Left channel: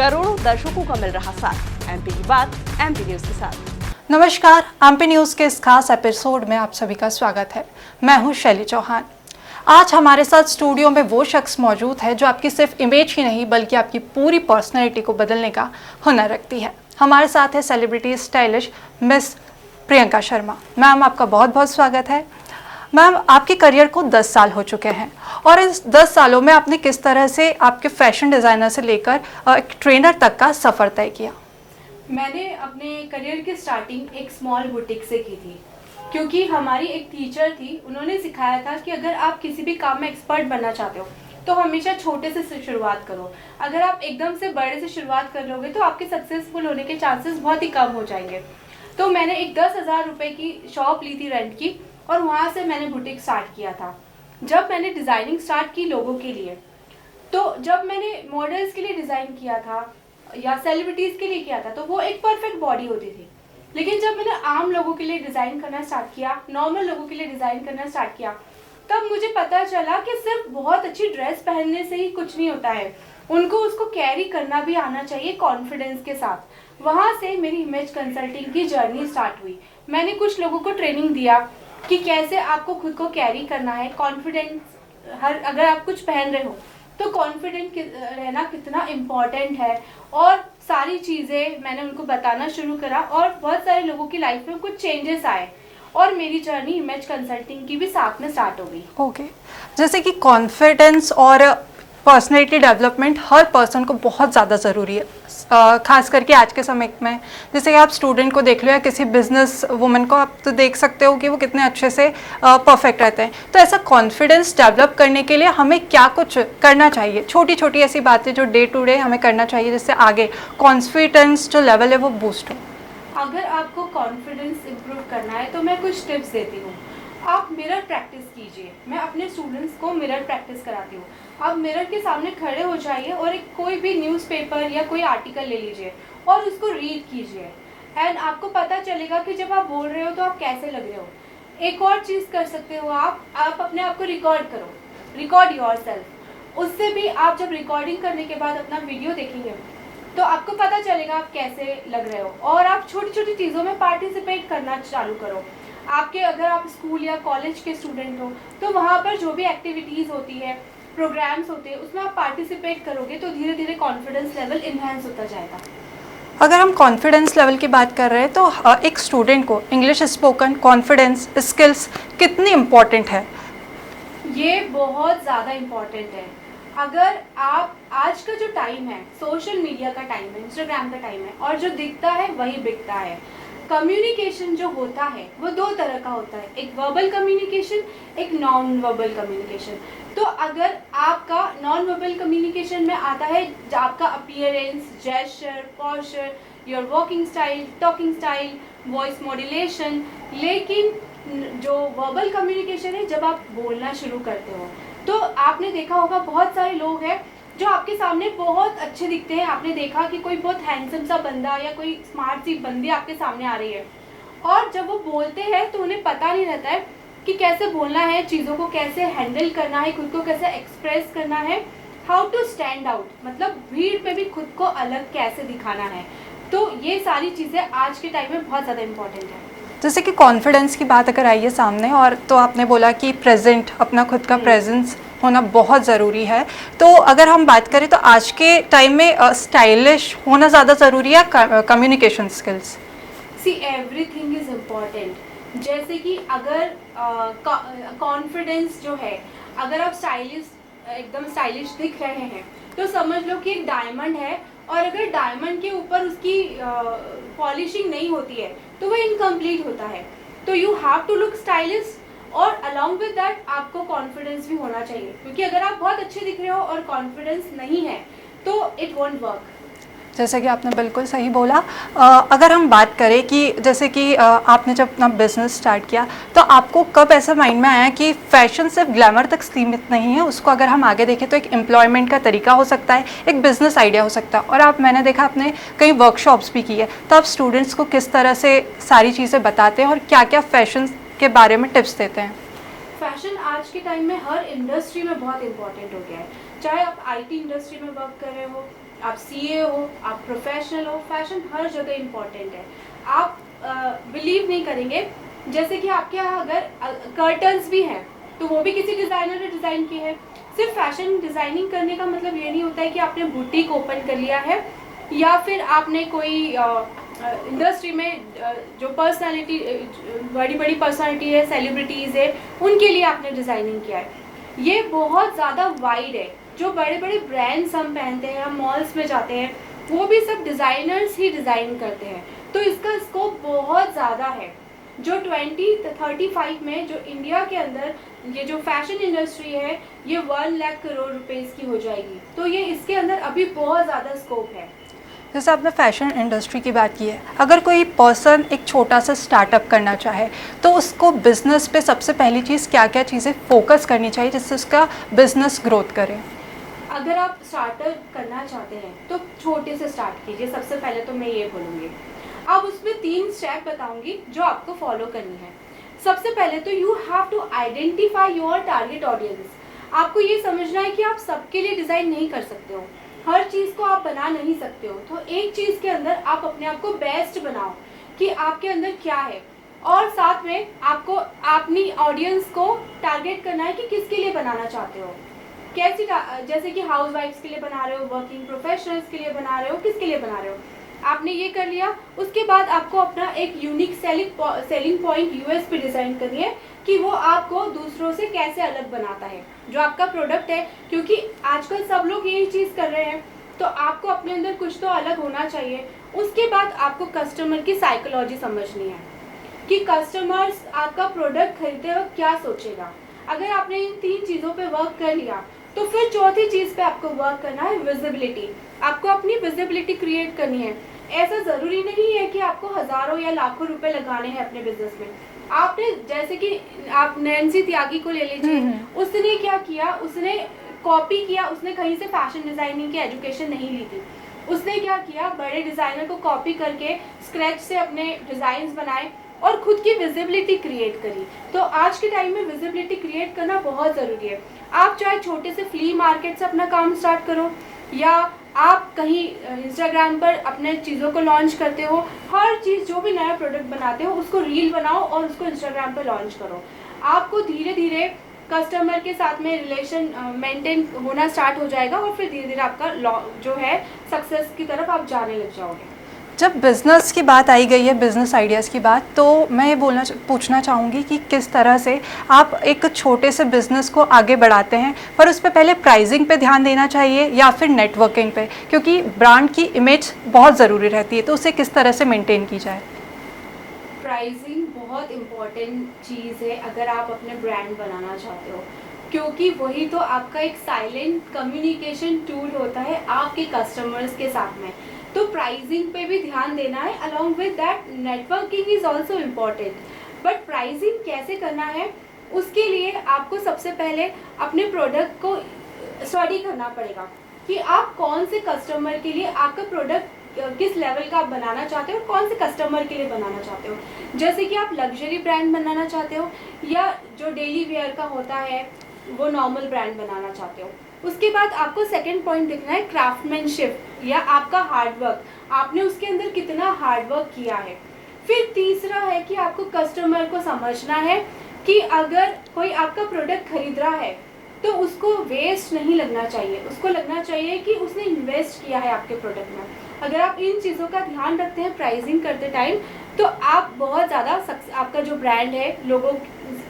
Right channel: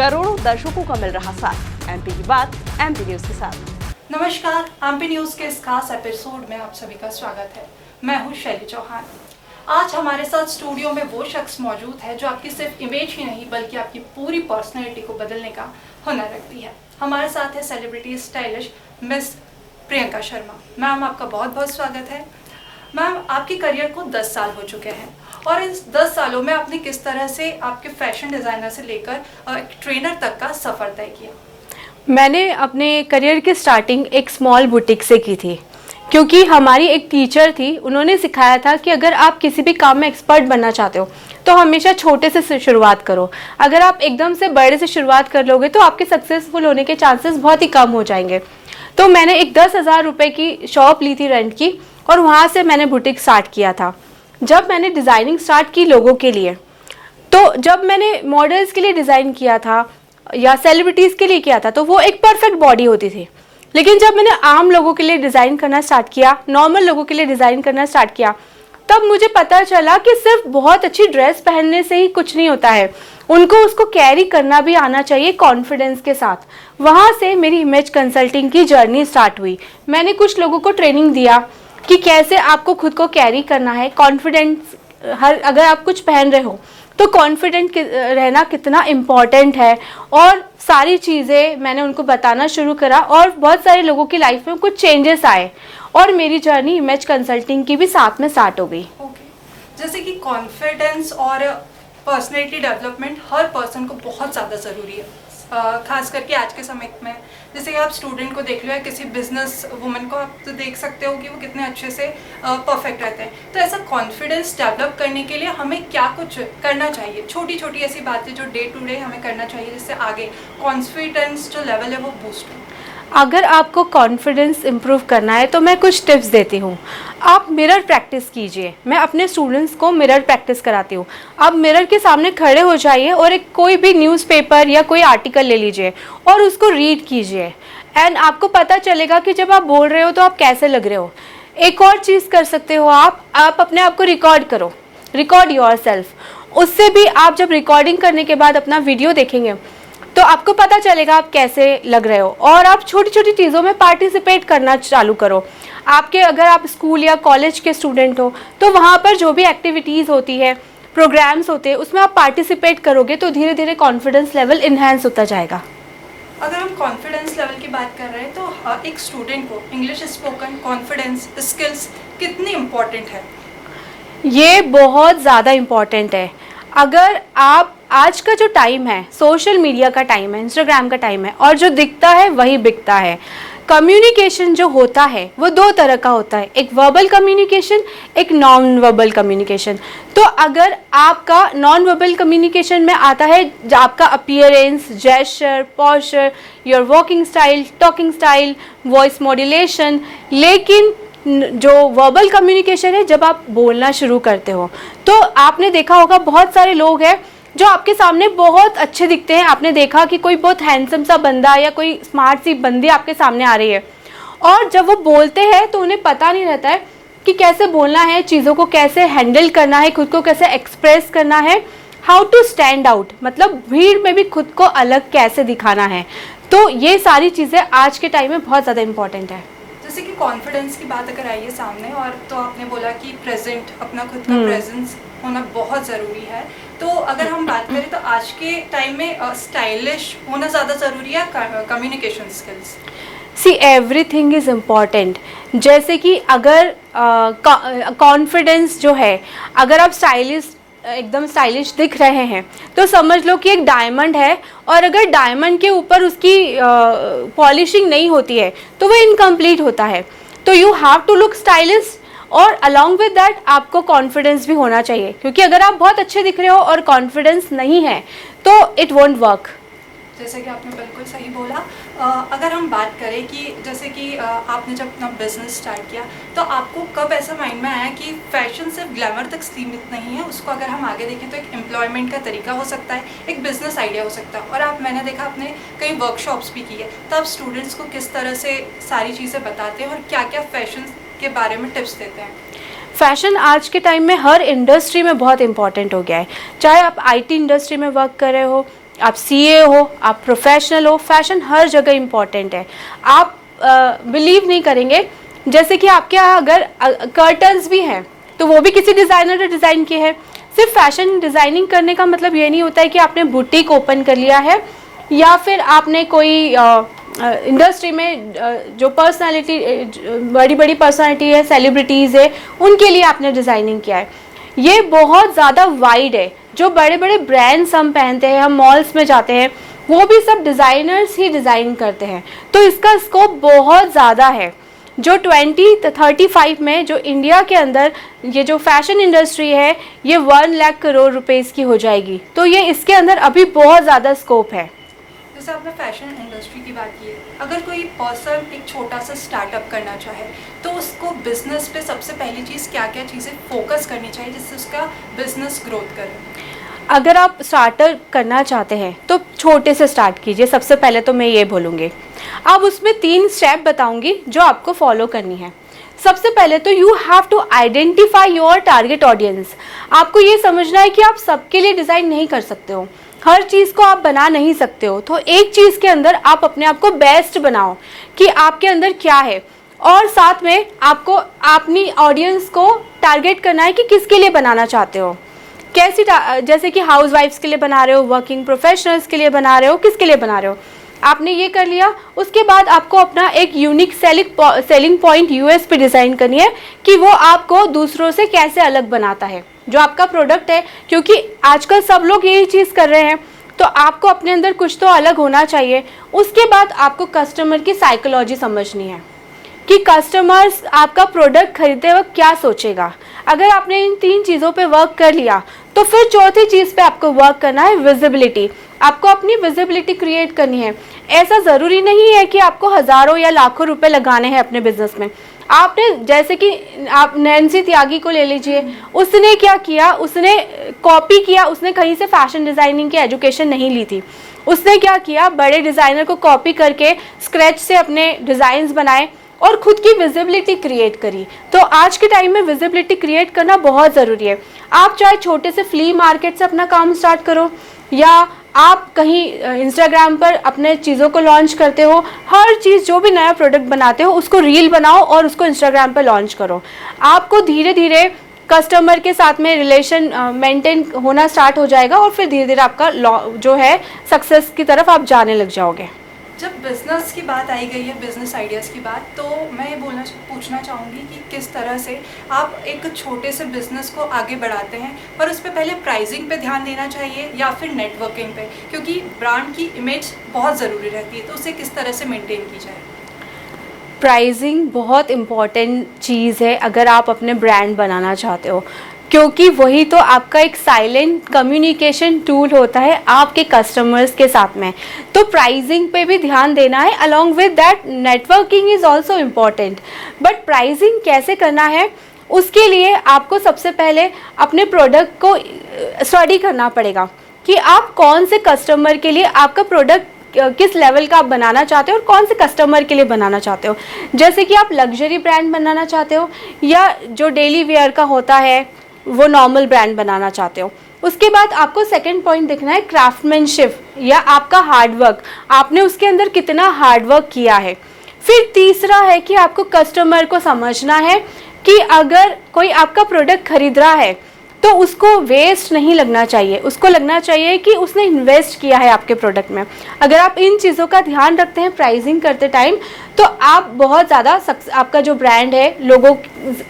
करोड़ों दर्शकों का मिल रहा साथ। एमपी की बात एमपी न्यूज के साथ। नमस्कार, एमपी न्यूज के इस खास एपिसोड में आप सभी का स्वागत है। मैं हूं शैली चौहान। आज हमारे साथ स्टूडियो में वो शख्स मौजूद है जो आपकी सिर्फ इमेज ही नहीं बल्कि आपकी पूरी पर्सनैलिटी को बदलने का हुनर रखती है। हमारे साथ है celebrity stylish miss Priyanka Sharma. Ma'am, आपका बहुत बहुत स्वागत है। मैम, आपके करियर को 10 साल हो चुके हैं और इस 10 सालों में आपने किस तरह से आपके फैशन डिज़ाइनर से लेकर एक ट्रेनर तक का सफ़र तय किया? मैंने अपने करियर की स्टार्टिंग एक स्मॉल बुटीक से की थी, क्योंकि हमारी एक टीचर थी, उन्होंने सिखाया था कि अगर आप किसी भी काम में एक्सपर्ट बनना चाहते हो तो हमेशा छोटे से शुरुआत करो। अगर आप एकदम से बड़े से शुरुआत कर लोगे तो आपके सक्सेसफुल होने के चांसेस बहुत ही कम हो जाएंगे। तो मैंने एक 10,000 रुपये की शॉप ली थी रेंट की और वहाँ से मैंने बुटीक स्टार्ट किया था। जब मैंने डिज़ाइनिंग स्टार्ट की लोगों के लिए, तो जब मैंने मॉडल्स के लिए डिज़ाइन किया था या सेलिब्रिटीज़ के लिए किया था तो वो एक परफेक्ट बॉडी होती थी। लेकिन जब मैंने आम लोगों के लिए डिज़ाइन करना स्टार्ट किया, नॉर्मल लोगों के लिए डिज़ाइन करना स्टार्ट किया, तब मुझे पता चला कि सिर्फ बहुत अच्छी ड्रेस पहनने से ही कुछ नहीं होता है, उनको उसको कैरी करना भी आना चाहिए कॉन्फिडेंस के साथ। वहाँ से मेरी इमेज कंसल्टिंग की जर्नी स्टार्ट हुई। मैंने कुछ लोगों को ट्रेनिंग दिया कि कैसे आपको खुद को कैरी करना है, कॉन्फिडेंस, अगर आप कुछ पहन रहे हो तो कॉन्फिडेंट रहना कितना इम्पॉर्टेंट है, और सारी चीज़ें मैंने उनको बताना शुरू करा और बहुत सारे लोगों की लाइफ में कुछ चेंजेस आए और मेरी जर्नी इमेज कंसल्टिंग की भी साथ में स्टार्ट हो गई। ओके, जैसे कि कॉन्फिडेंस और पर्सनैलिटी डेवलपमेंट हर पर्सन को बहुत ज़्यादा ज़रूरी है, खास करके आज के समय में। जैसे आप स्टूडेंट को देख लो या किसी बिजनेस वुमन को, आप तो देख सकते हो कि वो कितने अच्छे से परफेक्ट रहते हैं। तो ऐसा कॉन्फिडेंस डेवलप करने के लिए हमें क्या कुछ करना चाहिए? छोटी छोटी ऐसी बातें जो डे टू डे हमें करना चाहिए जिससे आगे कॉन्फिडेंस जो लेवल है वो बूस्ट हो। अगर आपको कॉन्फिडेंस इम्प्रूव करना है तो मैं कुछ टिप्स देती हूँ। आप मिरर प्रैक्टिस कीजिए। मैं अपने स्टूडेंट्स को मिरर प्रैक्टिस कराती हूँ। आप मिरर के सामने खड़े हो जाइए और एक कोई भी न्यूज़पेपर या कोई आर्टिकल ले लीजिए और उसको रीड कीजिए, एंड आपको पता चलेगा कि जब आप बोल रहे हो तो आप कैसे लग रहे हो। एक और चीज़ कर सकते हो, आप अपने आप को रिकॉर्ड करो, रिकॉर्ड योरसेल्फ। उससे भी आप जब रिकॉर्डिंग करने के बाद अपना वीडियो देखेंगे तो आपको पता चलेगा आप कैसे लग रहे हो। और आप छोटी छोटी चीज़ों में पार्टिसिपेट करना चालू करो। अगर आप स्कूल या कॉलेज के स्टूडेंट हो तो वहाँ पर जो भी एक्टिविटीज़ होती है, प्रोग्राम्स होते हैं, उसमें आप पार्टिसिपेट करोगे तो धीरे धीरे कॉन्फिडेंस लेवल इन्हेंस होता जाएगा। अगर हम कॉन्फिडेंस लेवल की बात कर रहे हैं तो एक स्टूडेंट को इंग्लिश स्पोकन कॉन्फिडेंस स्किल्स कितनी इम्पॉर्टेंट है? ये बहुत ज़्यादा इम्पॉर्टेंट है। अगर आप, आज का जो टाइम है सोशल मीडिया का टाइम है, इंस्टाग्राम का टाइम है, और जो दिखता है वही बिकता है। कम्युनिकेशन जो होता है वो दो तरह का होता है, एक वर्बल कम्युनिकेशन, एक नॉन वर्बल कम्युनिकेशन। तो अगर आपका नॉन वर्बल कम्युनिकेशन में आता है आपका appearance, gesture, posture, your walking style, talking style, voice modulation, लेकिन जो वर्बल कम्युनिकेशन है जब आप बोलना शुरू करते हो तो आपने देखा होगा बहुत सारे लोग हैं जो आपके सामने बहुत अच्छे दिखते हैं। आपने देखा कि कोई बहुत हैंडसम सा बंदा या कोई स्मार्ट सी बंदी आपके सामने आ रही है, और जब वो बोलते हैं तो उन्हें पता नहीं रहता है कि कैसे बोलना है, चीज़ों को कैसे हैंडल करना है, खुद को कैसे एक्सप्रेस करना है, हाउ टू स्टैंड आउट, मतलब भीड़ में भी खुद को अलग कैसे दिखाना है। तो ये सारी चीज़ें आज के टाइम में बहुत ज़्यादा इम्पॉर्टेंट है। जैसे कि कॉन्फिडेंस की बात अगर आई है सामने, और तो आपने बोला कि प्रेजेंट, अपना खुद का प्रेजेंस होना बहुत ज़रूरी है। तो अगर हम बात करें तो आज के टाइम में स्टाइलिश होना ज़्यादा ज़रूरी है, communication skills? See everything is important. जैसे कि अगर कॉन्फिडेंस जो है, अगर आप एकदम स्टाइलिश दिख रहे हैं तो समझ लो कि एक डायमंड है, और अगर डायमंड के ऊपर उसकी पॉलिशिंग नहीं होती है तो वो इनकम्प्लीट होता है। तो you have to look stylish, और अलॉन्ग विद दैट आपको कॉन्फिडेंस भी होना चाहिए, क्योंकि अगर आप बहुत अच्छे दिख रहे हो और कॉन्फिडेंस नहीं है तो इट वोंट वर्क। जैसे कि आपने बिल्कुल सही बोला। अगर हम बात करें कि जैसे कि आपने जब अपना बिजनेस स्टार्ट किया तो आपको कब ऐसा माइंड में आया कि फैशन सिर्फ ग्लैमर तक सीमित नहीं है, उसको अगर हम आगे देखें तो एक एम्प्लॉयमेंट का तरीका हो सकता है, एक बिजनेस आइडिया हो सकता है। और मैंने देखा आपने कई वर्कशॉप्स भी की है, तो आप स्टूडेंट्स को किस तरह से सारी चीज़ें बताते हैं और क्या क्या फैशन के बारे में टिप्स देते हैं? फैशन आज के टाइम में हर इंडस्ट्री में बहुत इंपॉर्टेंट हो गया है, चाहे आप आईटी इंडस्ट्री में वर्क कर रहे हो आप सीए हो, आप प्रोफेशनल हो, फैशन हर जगह इम्पॉर्टेंट है। आप बिलीव नहीं करेंगे, जैसे कि आपके यहाँ अगर कर्टन्स भी हैं तो वो भी किसी डिज़ाइनर ने डिज़ाइन किए हैं। सिर्फ फैशन डिज़ाइनिंग करने का मतलब ये नहीं होता है कि आपने बुटीक ओपन कर लिया है या फिर आपने कोई इंडस्ट्री में जो पर्सनालिटी, बड़ी बड़ी पर्सनालिटी है, सेलिब्रिटीज़ है, उनके लिए आपने डिज़ाइनिंग किया है। ये बहुत ज़्यादा वाइड है। जो बड़े बड़े ब्रांड्स हम पहनते हैं, हम मॉल्स में जाते हैं, वो भी सब डिज़ाइनर्स ही डिज़ाइन करते हैं। तो इसका स्कोप बहुत ज़्यादा है। जो 2035 में जो इंडिया के अंदर ये जो फैशन इंडस्ट्री है, ये 1 लाख करोड़ रुपीस की हो जाएगी। तो ये इसके अंदर अभी बहुत ज़्यादा स्कोप है। जैसे आपने फैशन इंडस्ट्री की बात की है, अगर कोई पर्सन एक छोटा सा स्टार्टअप करना चाहे तो उसको बिजनेस पे सबसे पहली चीज़ क्या क्या चीज़ें फोकस करनी चाहिए जिससे उसका बिजनेस ग्रोथ करे? अगर आप स्टार्टर करना चाहते हैं तो छोटे से स्टार्ट कीजिए। सबसे पहले तो मैं ये बोलूँगी, अब उसमें 3 स्टेप बताऊँगी जो आपको फॉलो करनी है। सबसे पहले तो you have to identify your target audience. आपको ये समझना है कि आप सबके लिए डिज़ाइन नहीं कर सकते हो, हर चीज़ को आप बना नहीं सकते हो। तो एक चीज़ के अंदर आप अपने आप को बेस्ट बनाओ कि आपके अंदर क्या है, और साथ में आपको अपनी ऑडियंस को टारगेट करना है कि किसके लिए बनाना चाहते हो, कैसी, जैसे कि हाउस वाइफ्स के लिए बना रहे हो, वर्किंग प्रोफेशनल्स के लिए बना रहे हो, किसके लिए बना रहे हो। आपने ये कर लिया, उसके बाद आपको अपना एक unique selling point USP design करनी है कि वो आपको दूसरों से कैसे अलग बनाता है जो आपका प्रोडक्ट है। क्योंकि आजकल सब लोग यही चीज़ कर रहे हैं, तो आपको अपने अंदर कुछ तो अलग होना चाहिए। उसके बाद आपको कस्टमर की साइकोलॉजी समझनी है कि कस्टमर्स आपका प्रोडक्ट खरीदते वक्त क्या सोचेगा। अगर आपने इन 3 चीज़ों पे वर्क कर लिया तो फिर चौथी चीज़ पे आपको वर्क करना है, विजिबिलिटी। आपको अपनी विजिबिलिटी क्रिएट करनी है। ऐसा ज़रूरी नहीं है कि आपको हज़ारों या लाखों रुपए लगाने हैं अपने बिजनेस में। आपने, जैसे कि आप नैन्सी त्यागी को ले लीजिए, उसने क्या किया, उसने कॉपी किया, उसने कहीं से फैशन डिज़ाइनिंग की एजुकेशन नहीं ली थी। उसने क्या किया, बड़े डिज़ाइनर को कॉपी करके स्क्रैच से अपने डिज़ाइंस बनाए और खुद की विजिबिलिटी क्रिएट करी। तो आज के टाइम में विजिबिलिटी क्रिएट करना बहुत ज़रूरी है। आप चाहे छोटे से फ्ली मार्केट से अपना काम स्टार्ट करो या आप कहीं इंस्टाग्राम पर अपने चीज़ों को लॉन्च करते हो, हर चीज़ जो भी नया प्रोडक्ट बनाते हो उसको रील बनाओ और उसको इंस्टाग्राम पर लॉन्च करो। आपको धीरे धीरे कस्टमर के साथ में रिलेशन मेंटेन होना स्टार्ट हो जाएगा और फिर धीरे धीरे आपका जो है सक्सेस की तरफ आप जाने लग जाओगे। जब बिज़नेस की बात आई गई है, बिज़नेस आइडियाज़ की बात, तो मैं ये पूछना चाहूँगी कि किस तरह से आप एक छोटे से बिज़नेस को आगे बढ़ाते हैं, पर उस पर पहले प्राइसिंग पे ध्यान देना चाहिए या फिर नेटवर्किंग पे, क्योंकि ब्रांड की इमेज बहुत ज़रूरी रहती है, तो उसे किस तरह से मेंटेन की जाए? प्राइसिंग बहुत इम्पॉर्टेंट चीज़ है अगर आप अपने ब्रांड बनाना चाहते हो, क्योंकि वही तो आपका एक साइलेंट कम्युनिकेशन टूल होता है आपके कस्टमर्स के साथ में। तो प्राइसिंग पे भी ध्यान देना है, along with that networking is also important. But pricing कैसे करना है, उसके लिए आपको सबसे पहले अपने प्रोडक्ट को स्टडी करना पड़ेगा कि आप कौन से कस्टमर के लिए आपका प्रोडक्ट किस लेवल का आप बनाना चाहते हो और कौन से कस्टमर के लिए बनाना चाहते हो। जैसे कि आप लग्जरी ब्रांड बनाना चाहते हो या जो डेली वेयर का होता है वो नॉर्मल ब्रांड बनाना चाहते हो। उसके बाद आपको सेकंड पॉइंट देखना है क्राफ्टमैनशिप या आपका हार्डवर्क, आपने उसके अंदर कितना हार्डवर्क किया है। फिर तीसरा है कि आपको कस्टमर को समझना है कि अगर कोई आपका प्रोडक्ट खरीद रहा है तो उसको वेस्ट नहीं लगना चाहिए, उसको लगना चाहिए कि उसने इन्वेस्ट किया है आपके प्रोडक्ट में। अगर आप इन चीज़ों का ध्यान रखते हैं प्राइसिंग करते टाइम तो आप बहुत ज़्यादा आपका जो ब्रांड है लोगों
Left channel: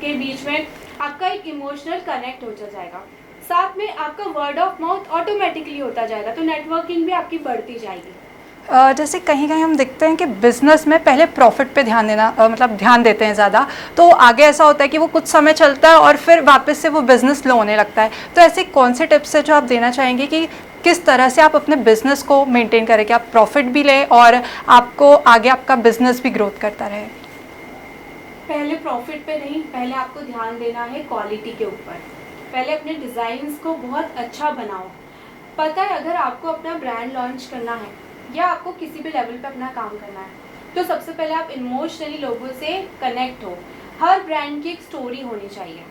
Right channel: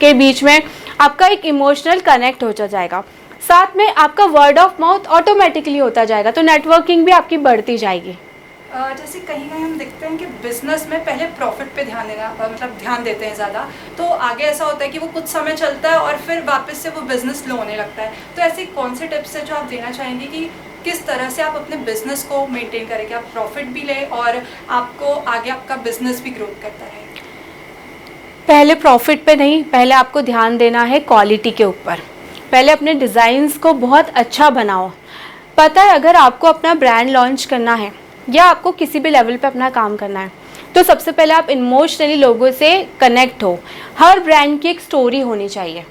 के बीच में आपका एक इमोशनल कनेक्ट हो जाएगा। साथ में आपका वर्ड ऑफ माउथ ऑटोमेटिकली होता जाएगा, तो नेटवर्किंग भी आपकी बढ़ती जाएगी। जैसे कहीं कहीं हम देखते हैं कि बिज़नेस में पहले प्रॉफिट पे ध्यान देना मतलब ध्यान देते हैं ज़्यादा, तो आगे ऐसा होता है कि वो कुछ समय चलता है और फिर वापस से वो बिज़नेस लो होने लगता है। तो ऐसे कौन से टिप्स है जो आप देना चाहेंगे कि किस तरह से आप अपने बिज़नेस को मेंटेन करें कि आप प्रॉफिट भी लें और आपको आगे आपका बिज़नेस भी ग्रोथ करता रहे? पहले प्रॉफिट पे नहीं, पहले आपको ध्यान देना है क्वालिटी के ऊपर। पहले अपने डिज़ाइंस को बहुत अच्छा बनाओ। पता है, अगर आपको अपना ब्रांड लॉन्च करना है या आपको किसी भी लेवल पे अपना काम करना है तो सबसे पहले आप इमोशनली लोगों से कनेक्ट हो। हर ब्रांड की एक स्टोरी होनी चाहिए।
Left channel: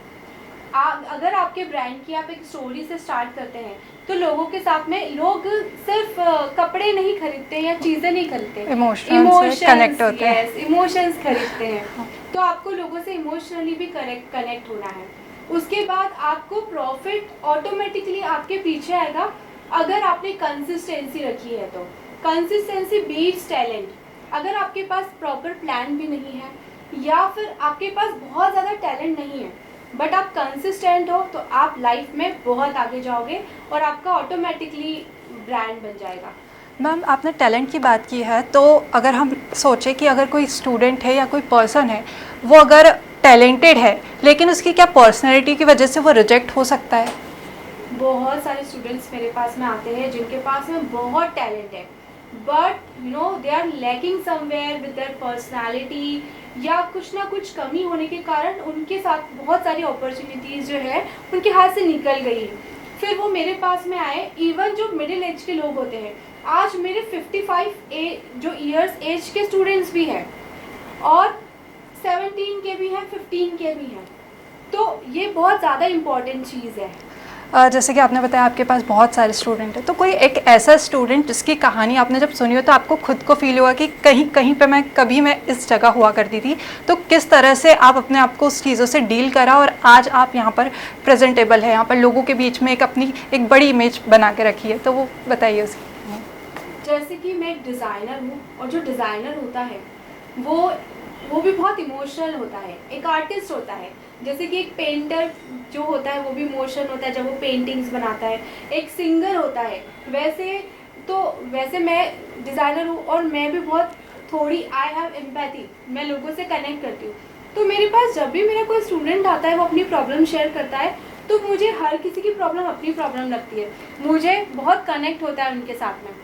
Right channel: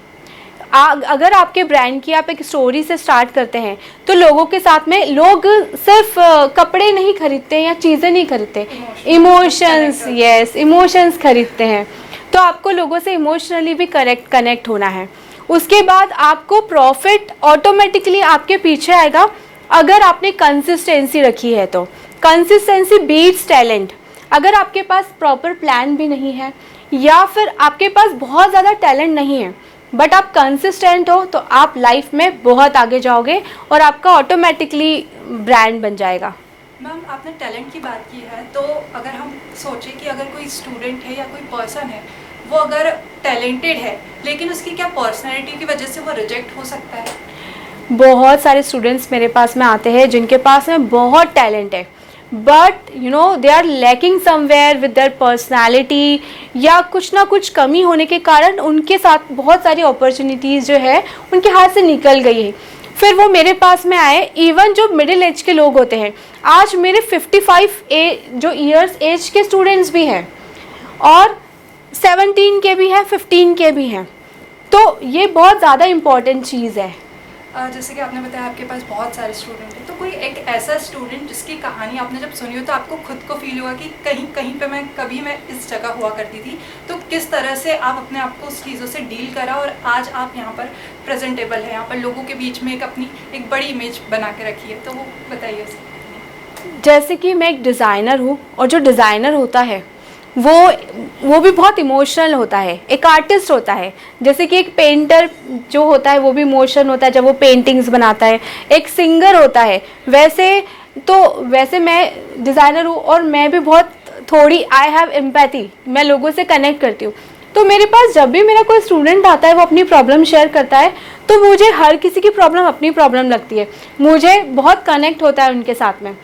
अगर आपके ब्रांड की आप एक स्टोरी से स्टार्ट करते हैं तो लोगों के साथ में लोग सिर्फ कपड़े नहीं खरीदते या चीज़ें नहीं खरीदते, इमोशंस, यस, इमोशंस खरीदते हैं। तो आपको लोगों से इमोशनली भी कनेक्ट होना है। उसके बाद आपको प्रॉफिट ऑटोमेटिकली आपके पीछे आएगा अगर आपने कंसिस्टेंसी रखी है। तो कंसिस्टेंसी बीट्स टैलेंट। अगर आपके पास प्रॉपर प्लान भी नहीं है या फिर आपके पास बहुत ज़्यादा टैलेंट नहीं है बट आप कंसिस्टेंट हो तो आप लाइफ में बहुत आगे जाओगे और आपका ऑटोमेटिकली ब्रांड बन जाएगा। मैम, आपने टैलेंट की बात की है, तो अगर हम सोचें कि अगर कोई स्टूडेंट है या कोई पर्सन है वो अगर टैलेंटेड है लेकिन उसकी क्या पर्सनैलिटी की वजह से वो रिजेक्ट हो सकता है? बहुत सारे स्टूडेंट्स मेरे पास में आते हैं जिनके पास में बहुत टैलेंट है but they are lacking somewhere with their personality या कुछ ना कुछ कमी होने के कारण उनके साथ बहुत सारी अपॉर्चुनिटीज़ जो है उनके हाथ से निकल गई है। फिर वो मेरे पास में आए। इवन जो मिडिल एज के लोग होते हैं, आज मेरे 55 जो ईयर्स एज के स्टूडेंट्स भी हैं और 17 के भी हैं, 15 के भी हैं। तो ये बहुत ज़्यादा इम्पॉर्टेंट चीज़ है। जैसे कि आपने बताया आपके पास बहुत सारे स्टूडेंट हैं, तो कोई एक ऐसा स्टूडेंट जिसकी कहानी आपने जब सुनी हो तो आपको खुद को फील हुआ कि कहीं पे मैं इस जगह हुआ करती थी, तो किस तरह से आप अपने आप को उस चीज़ों से डील करा और आज आप यहाँ पर प्रेजेंटेबल है, यहाँ पर लोगों के बीच में एक बड़ी इमेज बना के रखी है, तो वो बताइए उसे। जैसे कि मैं एक डिज़ाइनर हूँ और जो डिज़ाइनर होता है वो भी बहुत इमोशनल होता है, एक आर्टिस्ट होता है। जैसे कि एक पेंटर जो होता है वो भी इमोशन होता है जब वो पेंटिंग्स बनाता है, एक सिंगर होता है। वैसे मैं डिज़ाइनर हूँ और मैं भी बहुत थोड़ी आई हैव एम्पैथी, मैं लोगों से कनेक्ट करती हूँ। तो मेरे पास जब भी मेरा कोई स्टूडेंट आता है वो अपनी प्रॉब्लम शेयर करता है तो मुझे हर किसी की प्रॉब्लम अपनी प्रॉब्लम लगती है, मुझे बहुत कनेक्ट होता है उनके साथ में।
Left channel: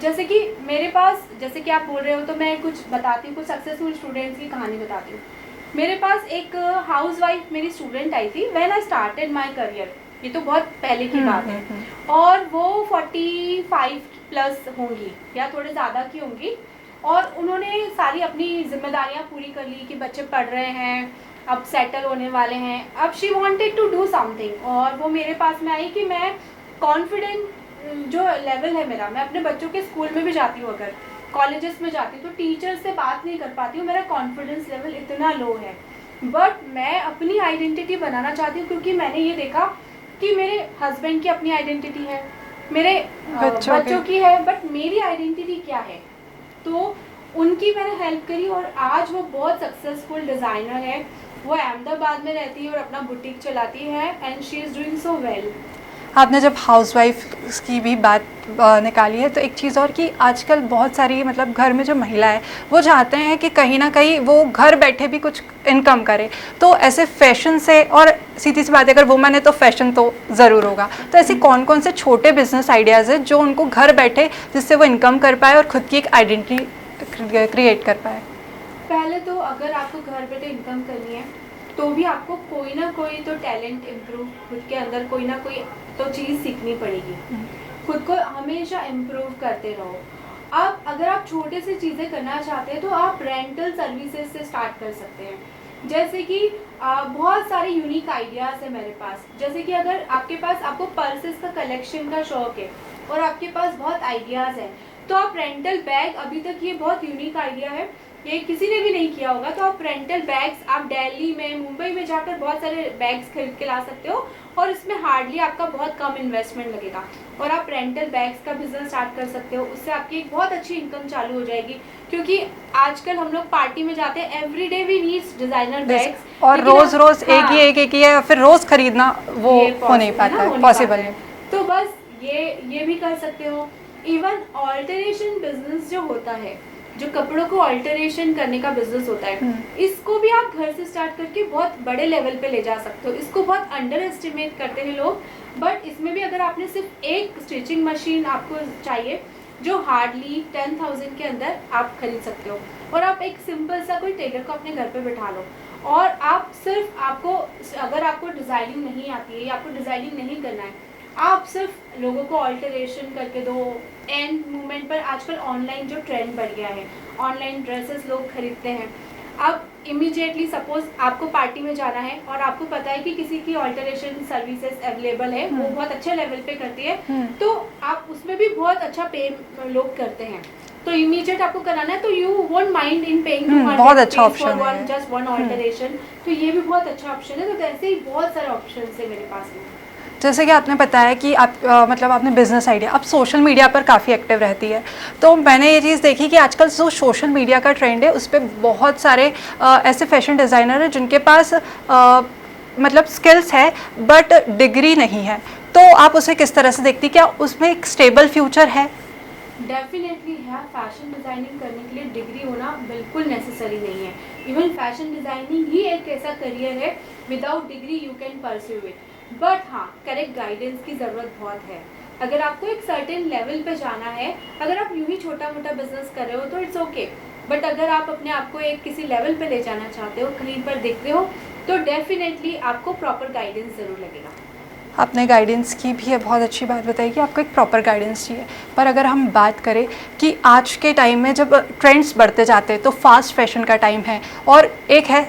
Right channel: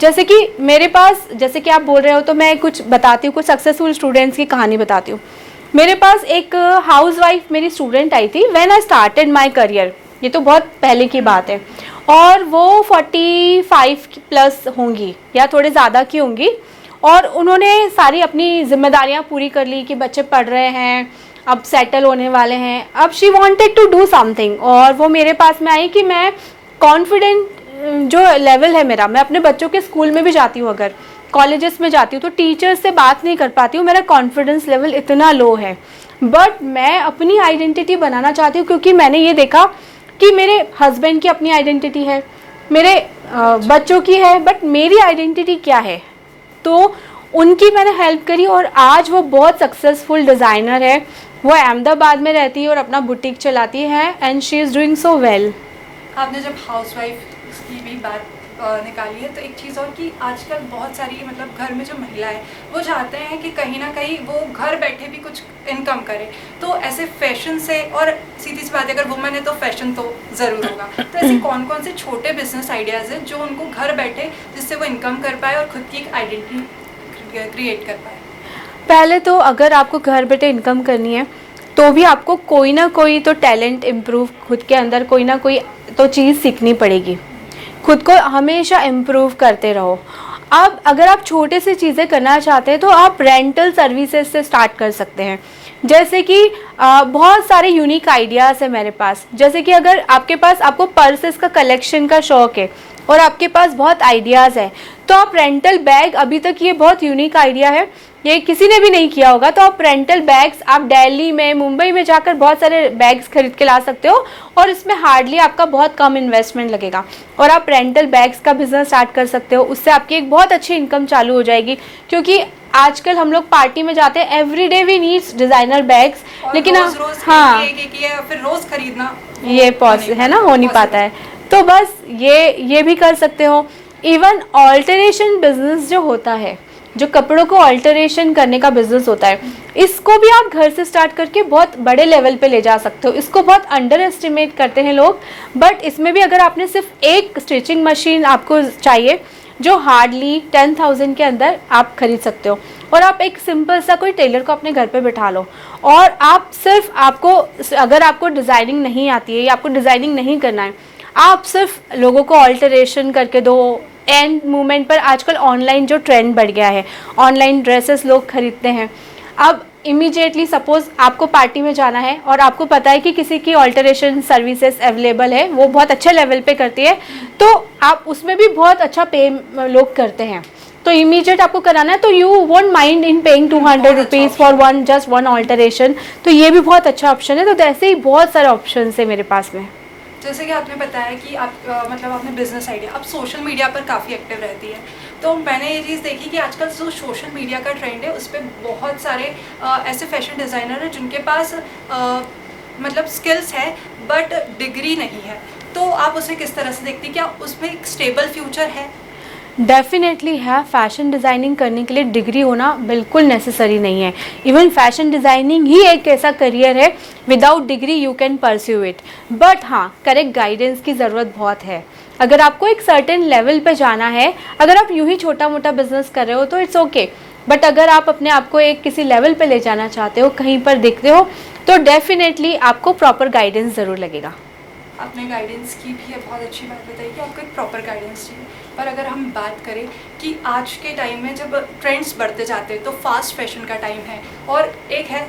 जैसे कि मेरे पास, जैसे कि आप बोल रहे हो तो मैं कुछ बताती हूँ, कुछ सक्सेसफुल स्टूडेंट्स की कहानी बताती हूँ। मेरे पास एक हाउसवाइफ मेरी स्टूडेंट आई थी when I started my career, ये तो बहुत पहले की बात है, और वो 45 प्लस होंगी या थोड़े ज़्यादा की होंगी। और उन्होंने सारी अपनी जिम्मेदारियाँ पूरी कर ली कि बच्चे पढ़ रहे हैं, अब सेटल होने वाले हैं, अब she wanted to do something. और वो मेरे पास में आई कि मैं कॉन्फिडेंट जो लेवल है मेरा, मैं अपने बच्चों के स्कूल में भी जाती हूँ, अगर कॉलेजेस में जाती हूँ तो टीचर्स से बात नहीं कर पाती हूँ, मेरा कॉन्फिडेंस लेवल इतना लो है। बट मैं अपनी आइडेंटिटी बनाना चाहती हूँ क्योंकि मैंने ये देखा कि मेरे हस्बैंड की अपनी आइडेंटिटी है, मेरे बच्चों की है, बट मेरी आइडेंटिटी क्या है, तो उनकी मैंने हेल्प करी और आज वो बहुत सक्सेसफुल डिज़ाइनर है। वो अहमदाबाद में रहती है और अपना बुटीक चलाती है and she is doing so well. आपने जब हाउसवाइफ की भी बात निकाली है तो एक चीज़ और कि आजकल बहुत सारी मतलब घर में जो महिला है वो चाहते हैं कि कहीं ना कहीं वो घर बैठे भी कुछ इनकम करे, तो ऐसे फैशन से, और सीधी सी बात है अगर वुमन है तो फैशन तो ज़रूर होगा, तो ऐसे कौन कौन से छोटे बिजनेस आइडियाज़ है जो उनको घर बैठे जिससे वो इनकम कर पाए और ख़ुद की एक आइडेंटिटी क्रिएट कर पाए? पहले तो अगर आपको घर बैठे इनकम करनी है तो भी आपको कोई ना कोई तो टैलेंट इम्प्रूव, खुद के अंदर कोई ना कोई तो चीज़ सीखनी पड़ेगी, खुद को हमेशा इम्प्रूव करते रहो। अब अगर आप छोटे से चीज़ें करना चाहते हैं तो आप रेंटल सर्विसेज से स्टार्ट कर सकते हैं। जैसे कि बहुत सारे यूनिक आइडियाज़ है मेरे पास। जैसे कि अगर आपके पास, आपको पर्सेस का कलेक्शन का शौक़ है और आपके पास बहुत आइडियाज़ है तो आप रेंटल बैग, अभी तक ये बहुत यूनिक आइडिया है, ये किसी ने भी नहीं किया होगा, तो आप रेंटल बैग्स आप दिल्ली में, मुंबई में जाकर बहुत सारे बैग्स खरीद के ला सकते हो और इसमें हार्डली आपका बहुत कम इन्वेस्टमेंट लगेगा और आप रेंटल बैग्स का बिजनेस स्टार्ट कर सकते हो। उससे आपकी एक बहुत अच्छी इनकम चालू हो जाएगी, क्योंकि आजकल हम लोग पार्टी में जाते हैं, everyday we needs designer bags, लेकिन रोज एक ही या फिर रोज खरीदना वो ये पॉसिबल है ना, हो नहीं पाता है। तो बस ये भी कर सकते हो। इवन ऑल्टरेशन बिजनेस जो होता है, जो कपड़ों को ऑल्टरेशन करने का बिजनेस होता है, इसको भी आप घर से स्टार्ट करके बहुत बड़े लेवल पे ले जा सकते हो। इसको बहुत अंडर एस्टिमेट करते हैं लोग, बट इसमें भी अगर आपने सिर्फ एक स्टिचिंग मशीन आपको चाहिए जो हार्डली 10,000 के अंदर आप खरीद सकते हो, और आप एक सिंपल सा कोई टेलर को अपने घर पे बिठा लो और आप सिर्फ, आपको अगर आपको डिज़ाइनिंग नहीं आती है या आपको डिज़ाइनिंग नहीं करना है, आप सिर्फ लोगों को ऑल्टरेशन करके दो। एंड मोमेंट पर आजकल ऑनलाइन जो ट्रेंड बढ़ गया है, ऑनलाइन ड्रेसेस लोग खरीदते हैं। अब इमीडिएटली सपोज आपको पार्टी में जाना है और आपको पता है कि किसी की ऑल्टरेशन सर्विसेज अवेलेबल है, वो बहुत अच्छे लेवल पे करती है, तो आप उसमें भी बहुत अच्छा पे लोग करते हैं, तो इमीडिएट आपको कराना है, तो you won't mind in paying 200 rupees for one just one alteration, तो ये भी बहुत अच्छा ऑप्शन है। तो ऐसे ही बहुत सारे ऑप्शन है मेरे पास में। जैसे कि आपने बताया कि आप मतलब आपने बिजनेस आइडिया, आप सोशल मीडिया पर काफ़ी एक्टिव रहती है, तो मैंने ये चीज़ देखी कि आजकल जो सोशल मीडिया का ट्रेंड है उस पर बहुत सारे ऐसे फैशन डिज़ाइनर हैं जिनके पास मतलब स्किल्स है बट डिग्री नहीं है, तो आप उसे किस तरह से देखती, क्या उसमें एक स्टेबल फ्यूचर है? डेफिनेटली है। फैशन डिज़ाइनिंग करने के लिए डिग्री होना बिल्कुल नेसेसरी नहीं है। इवन फैशन डिज़ाइनिंग ही एक ऐसा करियर है without degree you can pursue it, but हाँ करेक्ट गाइडेंस की ज़रूरत बहुत है। अगर आपको एक सर्टेन लेवल पे जाना है, अगर आप यूं ही छोटा मोटा बिजनेस कर रहे हो तो इट्स ओके, बट अगर आप अपने आप को एक किसी लेवल पे ले जाना चाहते हो, कहीं पर देखते हो, तो डेफिनेटली आपको प्रॉपर गाइडेंस ज़रूर लगेगा। आपने गाइडेंस की भी है, बहुत अच्छी बात बताई कि आपको एक प्रॉपर गाइडेंस चाहिए। पर अगर हम बात करें कि आज के टाइम में जब ट्रेंड्स बढ़ते जाते हैं तो फास्ट फैशन का टाइम है और एक है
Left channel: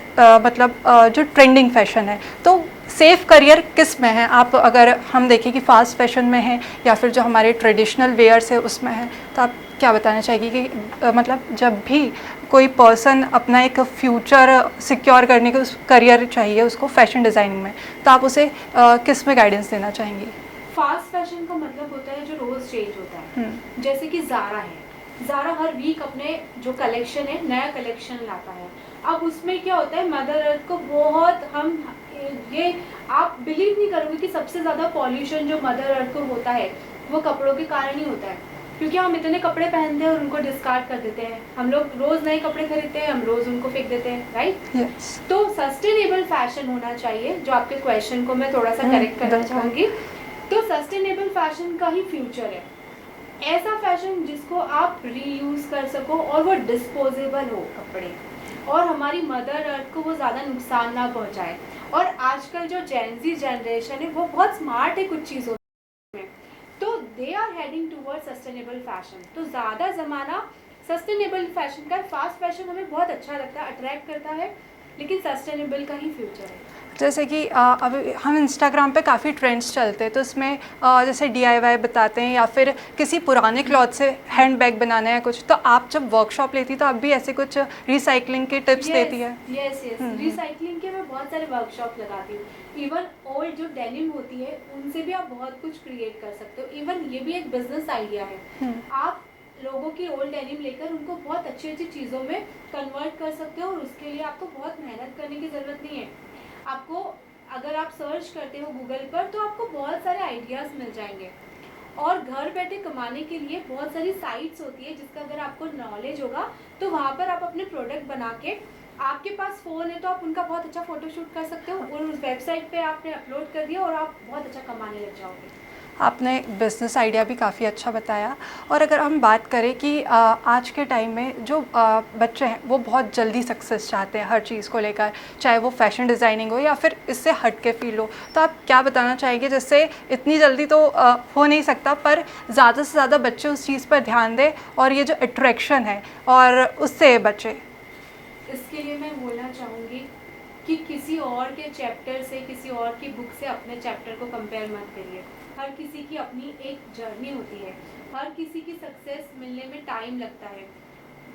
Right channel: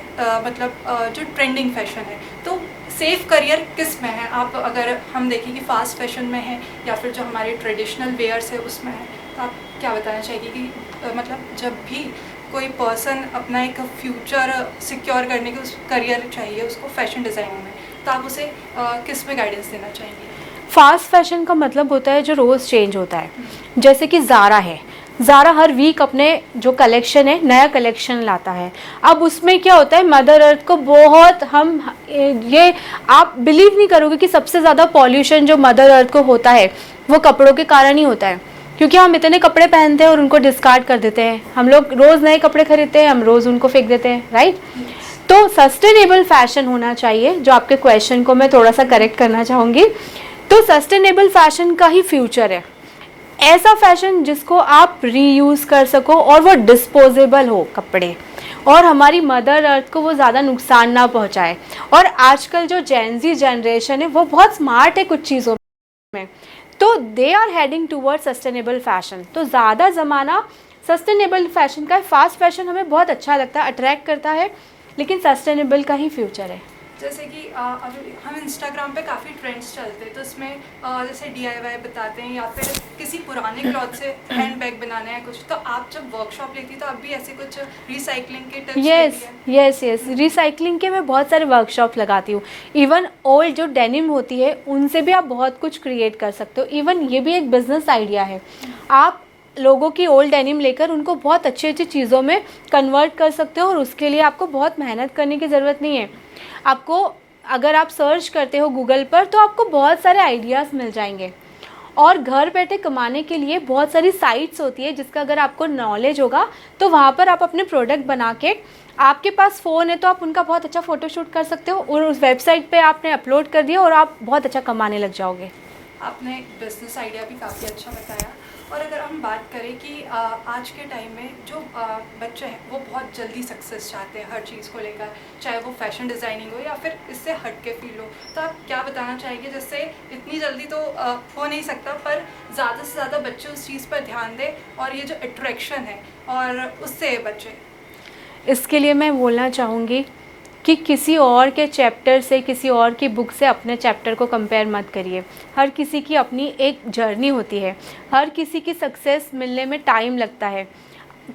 जो ट्रेंडिंग फैशन है, तो सेफ़ करियर किस में है? आप अगर हम देखें कि फास्ट फैशन में है या फिर जो हमारे ट्रेडिशनल वेयर्स है उसमें है, तो आप क्या बताना चाहेंगे कि मतलब जब भी कोई पर्सन अपना एक फ्यूचर सिक्योर करने का करियर चाहिए उसको फैशन डिज़ाइनिंग में, तो आप उसे किस में गाइडेंस देना चाहेंगे? फास्ट फैशन का मतलब होता है जो रोज़ चेंज होता है। जैसे कि ज़ारा है, ज़ारा हर वीक अपने जो कलेक्शन है नया कलेक्शन लाता है। अब उसमें क्या होता है, मदर अर्थ को बहुत ये आप बिलीव नहीं करोगे कि सबसे ज़्यादा पॉल्यूशन जो मदर अर्थ को होता है वो कपड़ों के कारण ही होता है, क्योंकि हम इतने कपड़े पहनते हैं और उनको डिस्कार्ड कर देते हैं। हम लोग रोज़ नए कपड़े खरीदते हैं, हम रोज़ उनको फेंक देते हैं, राइट? तो सस्टेनेबल फैशन होना चाहिए। जो आपके क्वेश्चन को मैं थोड़ा सा करेक्ट करना चाहूँगी, तो सस्टेनेबल फैशन का ही फ्यूचर है। ऐसा फैशन जिसको आप रीयूज़ कर सको और वो डिस्पोजेबल हो कपड़े, और हमारी मदर अर्थ को वो ज़्यादा नुकसान ना पहुँचाए। और आजकल जो जेनजी जनरेशन है वो बहुत स्मार्ट है कुछ चीज़ों में, तो they are heading toward sustainable fashion. तो ज़्यादा ज़माना सस्टेनेबल फैशन का है। फास्ट फैशन हमें बहुत अच्छा लगता है, अट्रैक्ट करता है, लेकिन सस्टेनेबल का ही फ्यूचर है। जैसे कि अभी हम इंस्टाग्राम पे काफ़ी ट्रेंड्स चलते हैं, तो उसमें जैसे DIY बताते हैं या फिर किसी पुराने क्लॉथ से हैंड बैग बनाना है कुछ, तो आप जब वर्कशॉप लेती तो आप भी ऐसे कुछ रिसाइकलिंग के टिप्स देती है? यस रिसाइकलिंग के मैं बहुत सारे वर्कशॉप लगाती हूँ। इवन ओल्ड जो डेनिम होती है उनसे भी आप बहुत कुछ क्रिएट कर सकते हो। इवन ये भी एक बिजनेस आइडिया है। आप लोगों की ओल्ड डेनिम लेकर उनको बहुत अच्छी अच्छी चीज़ों में कन्वर्ट कर सकते हो, और उसके लिए आपको बहुत मेहनत करने की ज़रूरत नहीं है। आपको अगर आप सर्च करते हो गूगल पर तो आपको बहुत सारे आइडियाज़ मिल जाएंगे, और घर बैठे कमाने के लिए बहुत सारी साइट्स होती है जिसका अगर आपको नॉलेज होगा तो वहाँ पर आप अपने प्रोडक्ट बना के, आपके पास फ़ोन है तो आप उनका बहुत अच्छा फ़ोटोशूट कर सकते हो और उस वेबसाइट पे आपने अपलोड कर दिया और आप बहुत अच्छा कमाने लग जाओगे। आपने बिज़नेस आइडिया भी काफ़ी अच्छा बताया। और अगर हम बात करें कि आज के टाइम में जो बच्चे हैं वो बहुत जल्दी सक्सेस चाहते हैं हर चीज़ को लेकर, चाहे वो फैशन डिज़ाइनिंग हो या फिर इससे हट के फील्ड हो, तो आप क्या बताना चाहेंगे जिससे इतनी जल्दी तो हो नहीं सकता, पर ज़्यादा से ज़्यादा बच्चे उस चीज़ पर ध्यान दें और ये जो अट्रैक्शन है और उससे बचे? इसके लिए मैं बोलना चाहूँगी कि किसी और के चैप्टर से, किसी और की बुक से अपने चैप्टर को कंपेयर मत करिए। हर किसी की अपनी एक जर्नी होती है, हर किसी की सक्सेस मिलने में टाइम लगता है।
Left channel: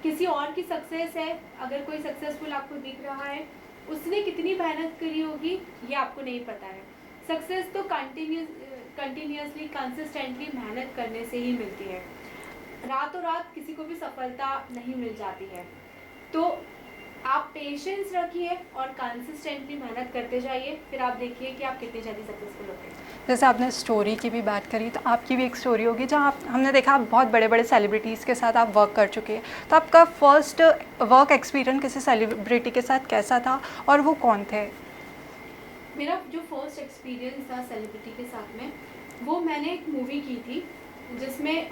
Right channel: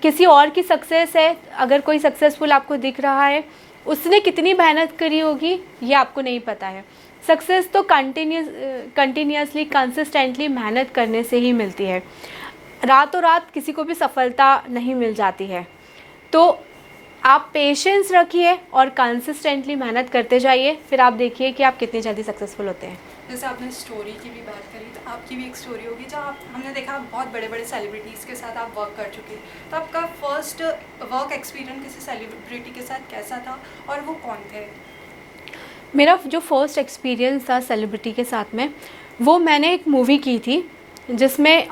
किसी और की सक्सेस है, अगर कोई सक्सेसफुल आपको दिख रहा है, उसने कितनी मेहनत करी होगी ये आपको नहीं पता है। सक्सेस तो कंटिन्यूसली कंसिस्टेंटली मेहनत करने से ही मिलती है। रातों रात किसी को भी सफलता नहीं मिल जाती है। तो आप पेशेंस रखिए और कंसिस्टेंटली मेहनत करते जाइए, फिर आप देखिए कि आप कितनी जल्दी सक्सेसफुल होते हैं। जैसे आपने स्टोरी की भी बात करी, तो आपकी भी एक स्टोरी होगी जहाँ हमने देखा आप बहुत बड़े बड़े सेलिब्रिटीज़ के साथ आप वर्क कर चुके हैं, तो आपका फर्स्ट वर्क एक्सपीरियंस किसी सेलिब्रिटी के साथ कैसा था और वो कौन थे? मेरा जो फर्स्ट एक्सपीरियंस था सेलिब्रिटी के साथ में, वो मैंने एक मूवी की थी जिसमें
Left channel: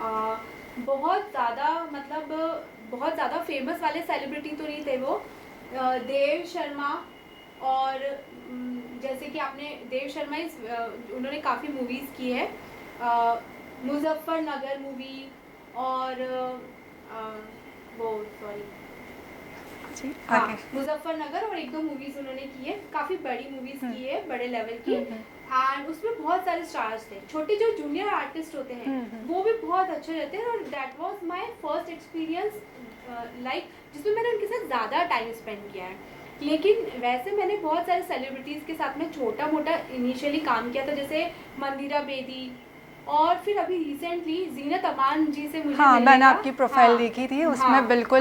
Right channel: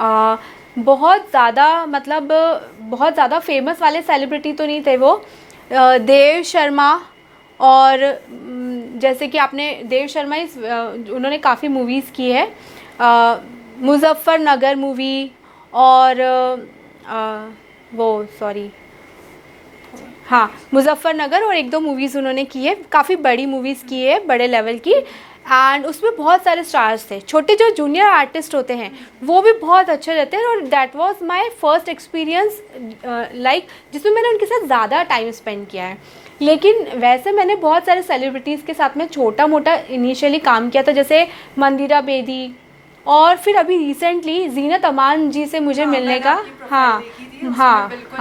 बहुत ज़्यादा फेमस वाले सेलिब्रिटी तो नहीं थे वो, देव शर्मा, और जैसे कि आपने देव शर्मा उन्होंने काफ़ी मूवीज़ की है, मुजफ्फरनगर मूवी, और हाँ, मुजफ्फरनगर और 1-2 मूवीज़ उन्होंने की है, काफ़ी बड़ी मूवीज़ की है, बड़े लेवल की। एंड उसमें बहुत सारे स्टार्स थे, छोटे जो जूनियर आर्टिस्ट होते हैं वो भी बहुत अच्छे रहते हैं। और that was my first experience like जिसमें मैंने उनके साथ ज़्यादा टाइम स्पेंड किया है। लेकिन वैसे मैंने बहुत सारे सेलिब्रिटीज़ के साथ में छोटा मोटा इनिशियली काम किया था, जैसे मंदिरा बेदी, और फिर अभी रिसेंटली जीनत अमान जी से मुझे मिलने मैंने का आपकी प्रोफाइल देखी थी, उसमें बिल्कुल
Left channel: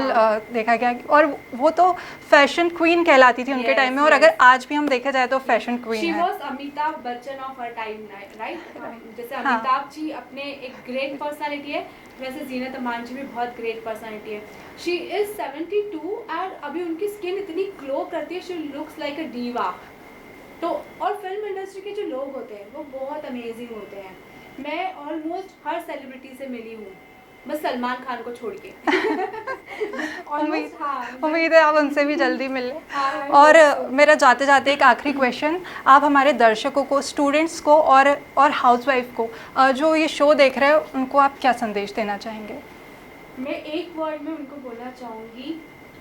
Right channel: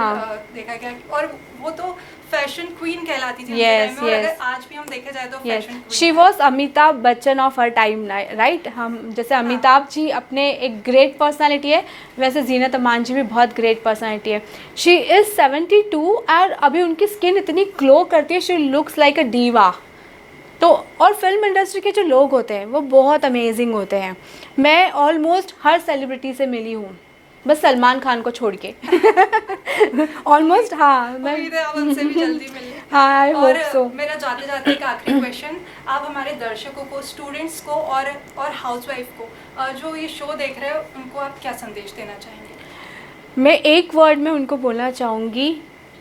देखा गया और वो तो फैशन क्वीन कहलाती थी उनके टाइम में। और अगर आज भी हम देखा जाए तो fashion queen she was Amitabh Bachchan of her time, right. हम जैसे अमिताभ जी अपने एक ग्रेट पर्सनालिटी है, वैसे जीनत अमान जी भी बहुत ग्रेट पर्सनालिटी है। शी इज़ 72 और अभी उनकी स्किन इतनी ग्लो करती है, she looks like a diva. तो और फिल्म इंडस्ट्री के जो लोग होते हैं वो बहुत अमेजिंग होते हैं। मैं ऑलमोस्ट हर सेलिब्रिटी से मिली हूँ, बस सलमान खान को छोड़ के ऑलमोस्ट। हाँ, उम्मीद है आप उनसे भी जल्दी मिलें। हाँ, और मेरा जाते जाते एक आखिरी क्वेश्चन, आप हमारे दर्शकों को, स्टूडेंट्स को और हाउसवाइफ को जो ये शो देख रहे हैं उनको आप क्या संदेश देना चाहेंगे? मैं एक वर्ड में उनको बोलना चाहूँगी,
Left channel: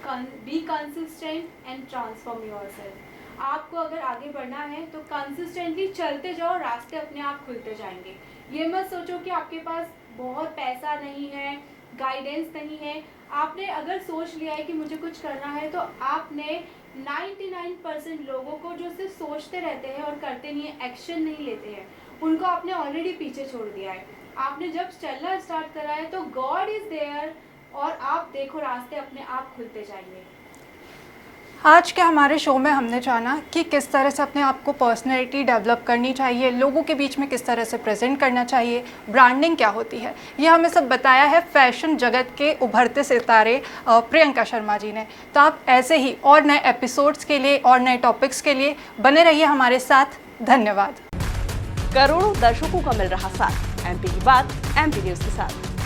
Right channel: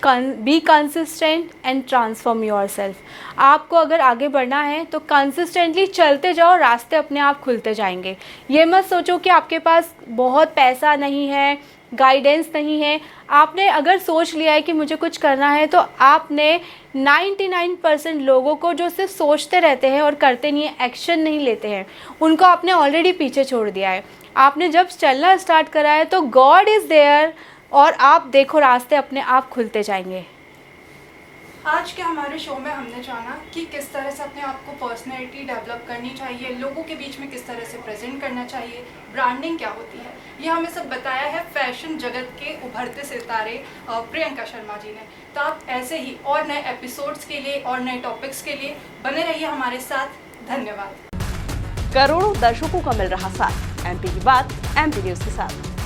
be consistent and transform yourself. आपको अगर आगे बढ़ना है तो कंसिस्टेंटली चलते जाओ, रास्ते अपने आप खुलते जाएंगे। ये मत सोचो कि आपके पास बहुत पैसा नहीं है, गाइडेंस नहीं है। आपने अगर सोच लिया है कि मुझे कुछ करना है, तो आपने 99% लोगों को जो सिर्फ सोचते रहते हैं और करते नहीं है, एक्शन नहीं लेते हैं, उनको आपने ऑलरेडी पीछे छोड़ दिया है। आपने जब चलना स्टार्ट करा है तो गॉड इज़ देयर, और आप देखो रास्ते अपने आप खुलते जाएंगे। आज के हमारे शो में हमने जाना कि किस तरह से अपने आप को पर्सनैलिटी डेवलप करनी चाहिए, लोगों के बीच में किस तरह से प्रेजेंट करना चाहिए, ब्रांडिंग क्या होती है, ये हमें सब बताया है फैशन जगत के उभरते सितारे प्रियंका शर्मा जी ने। तो आप ऐसे ही और नए एपिसोड्स के लिए और नए टॉपिक्स के लिए बने रहिए हमारे साथ। धन्यवाद। करोड़ों दर्शकों का मिल रहा साथ, एमपी की बात एमपी न्यूज के साथ।